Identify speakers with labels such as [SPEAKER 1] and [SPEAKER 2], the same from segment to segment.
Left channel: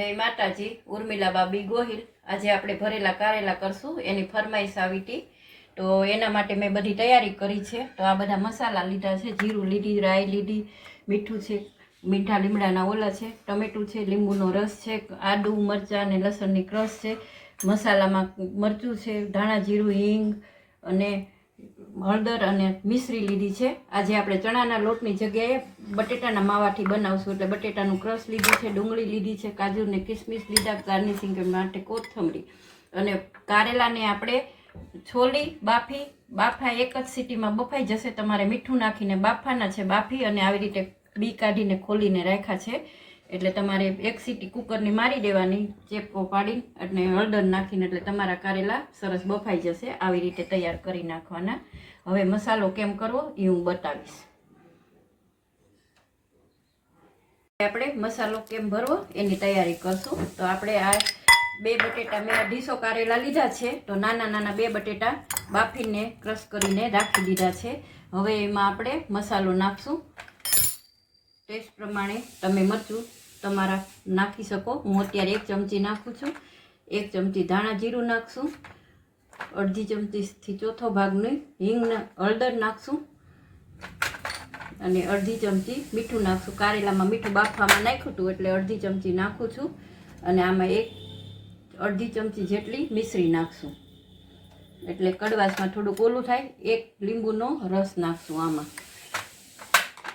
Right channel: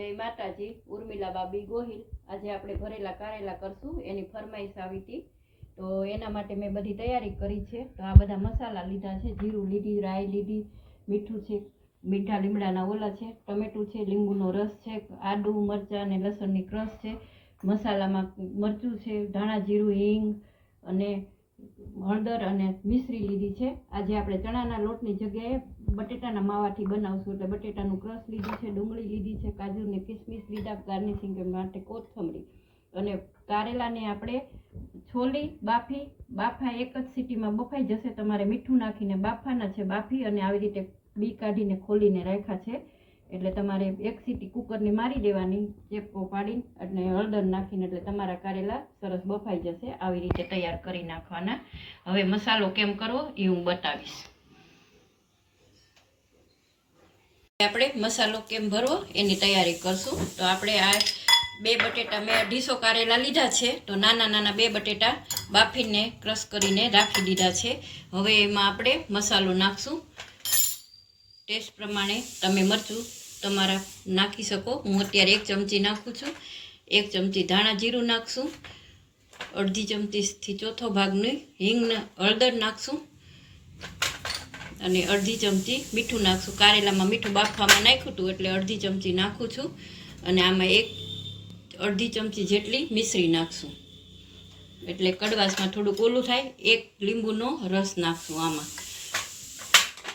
[SPEAKER 1] જય માતાજી ઉર્મિલા બાબી ગોહિલ. આજે આપણે ભરેલા કારેલા કરશું, એની ફરમાઈશ આવી તો એના માટે મેં બધી તૈયારી કરી છે. તો આ બધા મસાલા લીધા છે, જીરું લીધી, રાઈ લીધી, મીઠું છે, મીઠા લીમડાના ઓલા છે, ટમેટું છે, લીંબુનો રસ છે, આદુ, મરચાં અને લસણની ક્રશ છે. મસાલામાં મરચું છે, ધાણા જીરું, હિંગ અને હળદર અને મિશ્રી લીધી છે. આજે આપણે ચણાના લોટની જગ્યાએ બટેટાના માવાથી બનાવશું એટલે બટેટાનું ક્રશ લીધું છે, ડુંગળી લીધી છે કાજુ ને કિસમિસ લીધા, ગાર્નિશિંગ માટે કોથમરી અને કારેલાને આપણે છોલી, બાફી, બાફા એક જ સિટીમાં બફાઈ જશે. તમારે મીઠું નાખીને બાફાના છે, બાફી અને આવી રીતે બી કાઢીને ખોલીને રાખ્યા છે. એટલે તમારે એક સીટી કુકરની મારી દેવાની, ચેપકો પાડી અને હળદર નાખીને એટલે તમારા કારેલા સરસ બફાઈ જશે. આવી રીતે તૈયાર કરી નાખવાના. હવે મસાલો કેમ કરવો એ હું બતાવીશ. આપણે મસાલો કેમ ભરવો એની તૈયારી કરશું. તો આપણે આ બે બટેટા મેં અઢીસો કારેલા લીધા છે. તો નાના નાના બે બટેટા બાફીને ક્રશ કરીને રાખી દીધા છે. હવે એમાં આપણે મસાલો નાખશું. ટેસ્ટ પ્રમાણે તમે મરચું તમારા નાખી શકો. હું અત્યારે એક ચમચી નાખું છું. એક ચમચી ધાણા જીરું નાખશું. અડધી ચમચીથી ચોથો ભાગની હિંગ હળદર નાખશું. અને અડધી ચમચી મીઠું નાખશું. કારેલામાં મીઠું બાફવામાં નાખ્યું હતું એટલે અડધી ચમચી નાખું છું. અને આમાં એક અડધી ચમચી જેટલી મિશ્રી નાખશું. એટલે કડવાશમાં થોડુંક ઓલું થાય. એક લીંબુનો રસ નાખશું આમાં.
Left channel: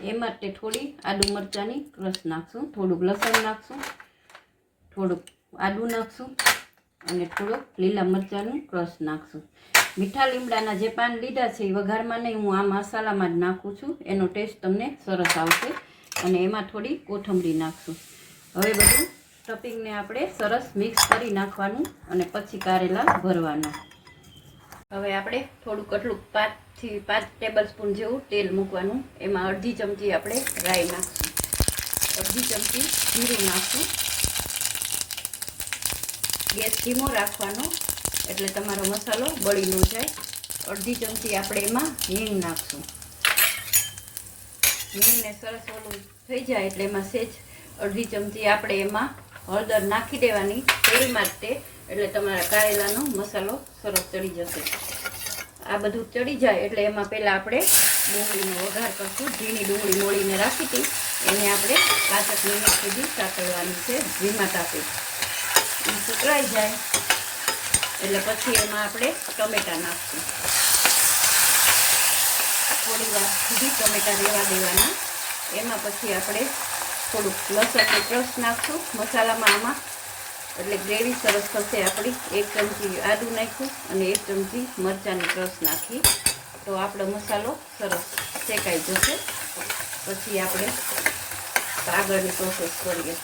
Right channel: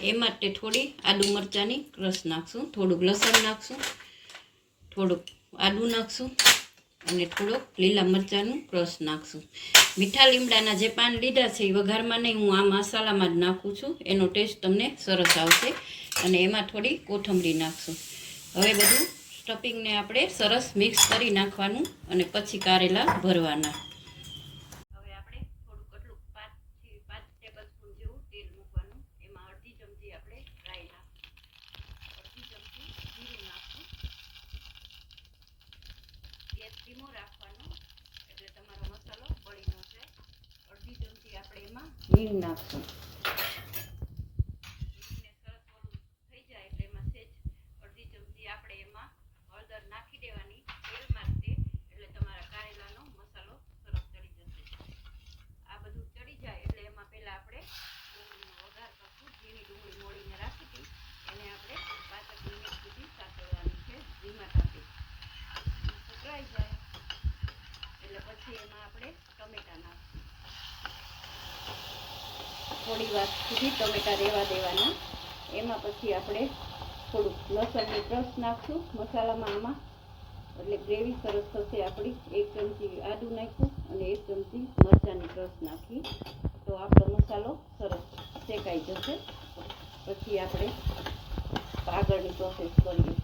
[SPEAKER 1] એમાં માટે થોડી આદુ મરચાંની રસ નાખશું, થોડુંક લસણ નાખશું, થોડુંક આદુ નાખશું અને થોડોક લીલા મરચાંનું રસ નાખશું. મીઠા લીમડાના જે પાન લીધા છે એ વઘારમાં નહીં, હું આ મસાલામાં જ નાખું છું. એનો ટેસ્ટ તમને સરસ આવશે અને એમાં થોડી કોથમરી નાખશું. હવે બધું સ્ટફિંગને આપણે સરસ મિક્સ કરી નાખવાનું અને પછી કારેલા ભરવાના. હવે આપણે થોડુંક આટલું પાંચથી પાંચ ટેબલ સ્પૂન જેવું તેલ મૂકવાનું. એમાં અડધી ચમચી આપણે રાઈ નાખશું. અડધી ચમચી જીરું નાખશું. ગેસ ધીમો રાખવાનો, એટલે તમારો મસાલો બળી ન જાય. અડધી ચમચી આપણે એમાં હિંગ નાખશું. હિંગને સરસ ઓલું થઈ જાય એટલે એમાં સેજ અડધી ચમચી આપણે એમાં હળદર નાખી દેવાની. તેલમાં જ એટલે તમારા કારેલાનો મસાલો સરસ ચડી જશે. આ બધું ચડી જાય એટલે એમાં પહેલાં આપણે ડુંગળીનો વઘાર કરશું. ઝીણી ડુંગળી મોળીને રાખી હતી. એને આપણે પાંચક મિનિટ સુધી સાતળવાની છે ધીમા તાપે. એ જાય. એટલે પછી એમાં આપણે ટમેટા નાખશું. થોડી વાર સુધી ટમેટા રહેવા દેવાના. એમાં પછી આપણે થોડુંક લસણનું ક્રશ નાખશું. મસાલામાં આમાં એટલે ગ્રેવી સરસ થશે આપણી. એક ચમચી આદુ નાખ્યું અને એક ચમચી મરચાંની રસ નાખી. તો આપણો મસાલો સરસ શેકાઈ જશે. પછી આપણે આગળની પ્રોસેસ કરીએ.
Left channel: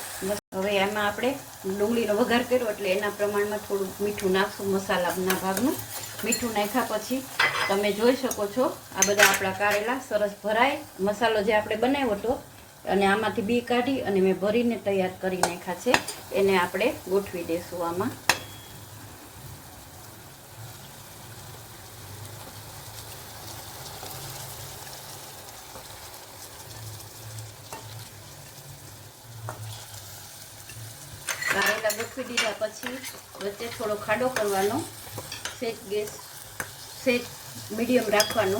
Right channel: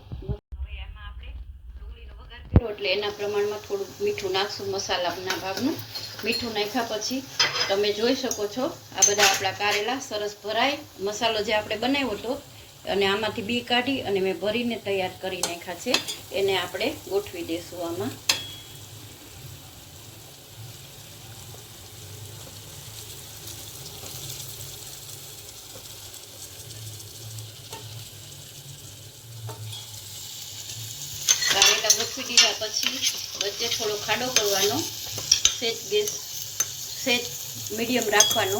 [SPEAKER 1] હવે એમાં આપણે ડુંગળીનો વઘાર કર્યો એટલે એના પ્રમાણમાં થોડું મીઠું નાખશું મસાલાના ભાગનું. મીઠું નાખ્યા પછી તમે જોઈ શકો છો આ બધા આપણા કારેલા સરસ ભરાય. મસાલો જે આપણે બનાવ્યો હતો અને આમાંથી બી કાઢી અને મેં ભરીને તૈયાર કરી નાખ્યા છે. એને આપણે ગોઠવી દઈશું આમાં. કારેલા ગોઠવી દીધા પછી વચ્ચે થોડો ખાડો કરવાનો. સેજ ગેસ, સેજ મીડિયમ રાખવાનો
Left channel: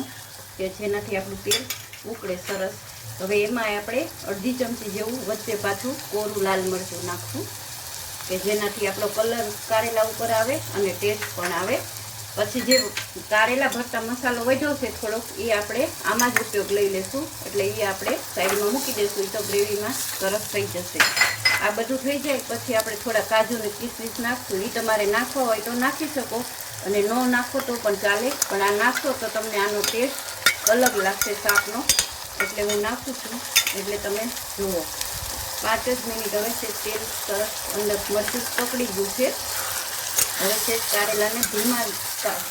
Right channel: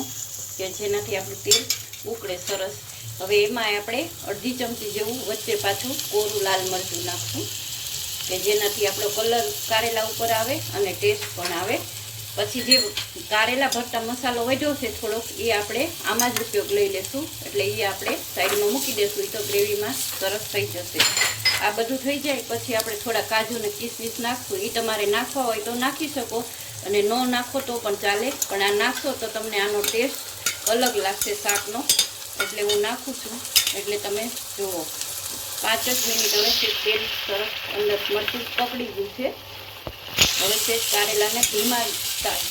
[SPEAKER 1] કે જેનાથી આપણું તેલ ઉકળે સરસ. હવે એમાં આપણે અડધી ચમચી જેવું વચ્ચે પાછું કોરું લાલ મરચું નાખશું કે જેનાથી આપણો કલર કારેલા ઉપર આવે અને ટેસ્ટ પણ આવે. પછી જે કારેલા ભરતા મસાલો વધ્યો છે થોડોક, એ આપણે આમાં જ ઉપયોગ લઈ લેશું. એટલે એ આપણે સાઈડમાં મૂકી દઈશું તો ગ્રેવીમાં સરસ થઈ જશે. આ બધું થઈ જાય, પછી આપણે થોડા કાજુ અને કિસમિસ નાખશું. એ તમારે નાખવા હોય તો નાખી શકો, અને ન નાખો તો પણ ચાલે. પણ આ નાખશો તો તમને આનો ટેસ્ટ અલગ લાગશે, શાકનો. એટલે હું નાખું છું. એટલે તમે જુઓ. પાંચ જ મિનિટ હવે છે તેલ સરસ અંદર મરચું પકડી ગયું છે. હવે છે કારેલાને ધીમા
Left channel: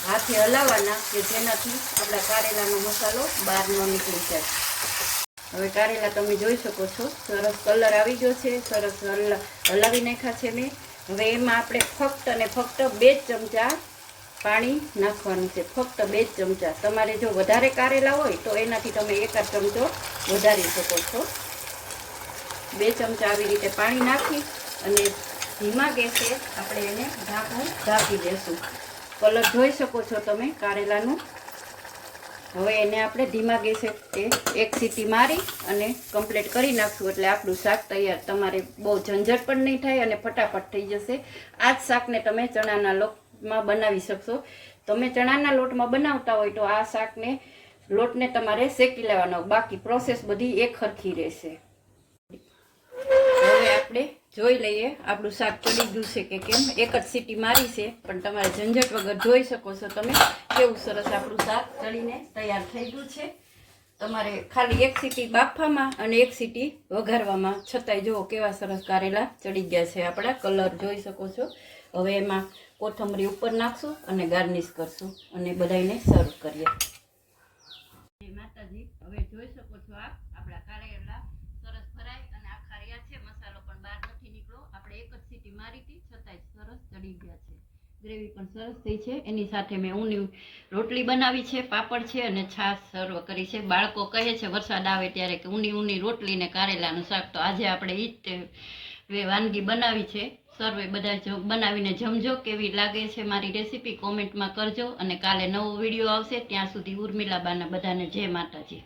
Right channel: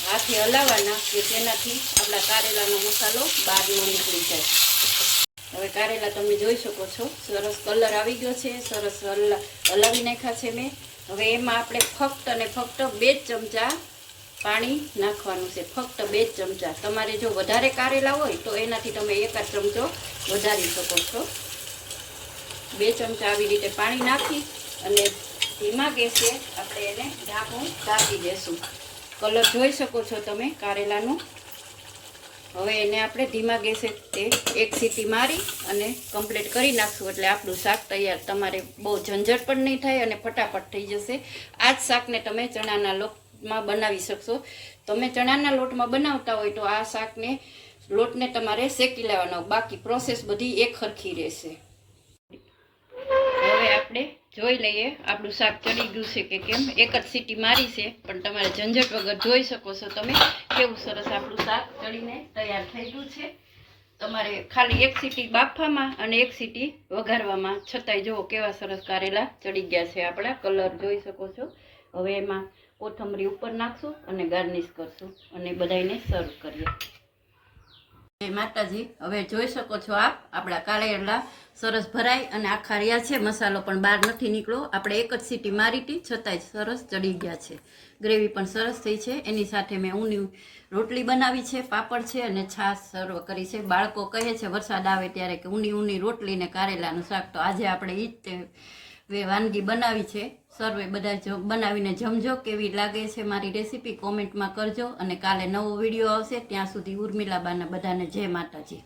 [SPEAKER 1] હાથે હલાવવાના કે જેનાથી આપણા કારેલાનો મસાલો બહાર ન નીકળી જાય. હવે કારેલા તમે જોઈ શકો છો. સરસ કલર આવી ગયો છે. સરસ હલ, હલાવી નાખ્યા છે મેં. હવે એમાં આપણે ફક્ત અને ફક્ત બે ચમચા પાણી નાખવાનું છે. ફક્ત બે ચમચા. તમારે જો વધારે કારેલા હોય તો એનાથી તમે એકાદ ચમચો વધારી શકો છો. બે ચમચા આવી રીતે પાણી નાખી અને ધીમા ગેસે આપણે એને ઢાંકું ઢાંકી દેશું કલર જોઈ શકો છો તમે કારેલાનું. હવે એને આપણે ધીમા ગેસે તે એક સીટી મારી અને કમ્પ્લીટ કરી નાખશું. એટલે આપણું શાક તૈયાર. તમારે બહુ ઝંઝટ પણ નહીં થાય અને ફટાફટ થઈ જશે. આ જ શાકને તમે ચણાના લોટમાં બનાવી શકશો. તમે ચણાના લોટમાં બનાવતા હોય તો આ શાકને લોટને તમારે શેકી લેવાનો. બાકી પ્રોસેસ બધી એક સરખી રહેશે. હવે આપણે જોઈ લઈએ આપણું શાક ચડી ગયું છે કે કેમ. એક જ સીટી મારી છે, પણ તમારે ઝંઝટ વગર જોઈ શકો છો તમે કેવું સરસ આપણું શાક ચડીને તૈયાર થઈ ગયું છે. તમારે ખાલી એક સીટી બાફવામાં અને એક સીટી વઘારવામાં. છતાંય જુઓ કેવા સરસ કારેલા ચડી ગયા છે આપણા. કલર જોઈ શકો છો. હવે એમાં કોથમરી ઉપર નાખશું અને ગાર્નિશ કરશું અને બધાને સર્વ કરીએ. જય માતાજી. હવે જોઈ શકો છો આપ, આપણા કારેલા સરસ ભરાય અને આખા રહ્યા છે. મસાલો પણ બહાર નથી નીકળ્યો. આપણે એક જ સીટી મારી હતી, છતાંય સરસ ચડી ગયા છે. ગ્રેવી પણ સરસ થઈ છે. એની સાથે મેં ઊની રોટલી બનાવી છે, પાપડ છે અને છાશ સર્વ કરી છે. બાળકો કહે છે, વરસાદ આવે ત્યારે કે ઊની ઊની રોટલી ને કારેલાનું શાક. તો આજે આપણે ઈ જ તે વાનગી બનાવી છે. સર્વે બધા બનાવીને જમજો, કેવી લાગે છે મારી રેસીપી કોમેન્ટમાં કરજો અને કાલે નવો વીડિયો આવશે ત્યાં સુધી ઉર્મિલાબાના બધાને જય માતાજી.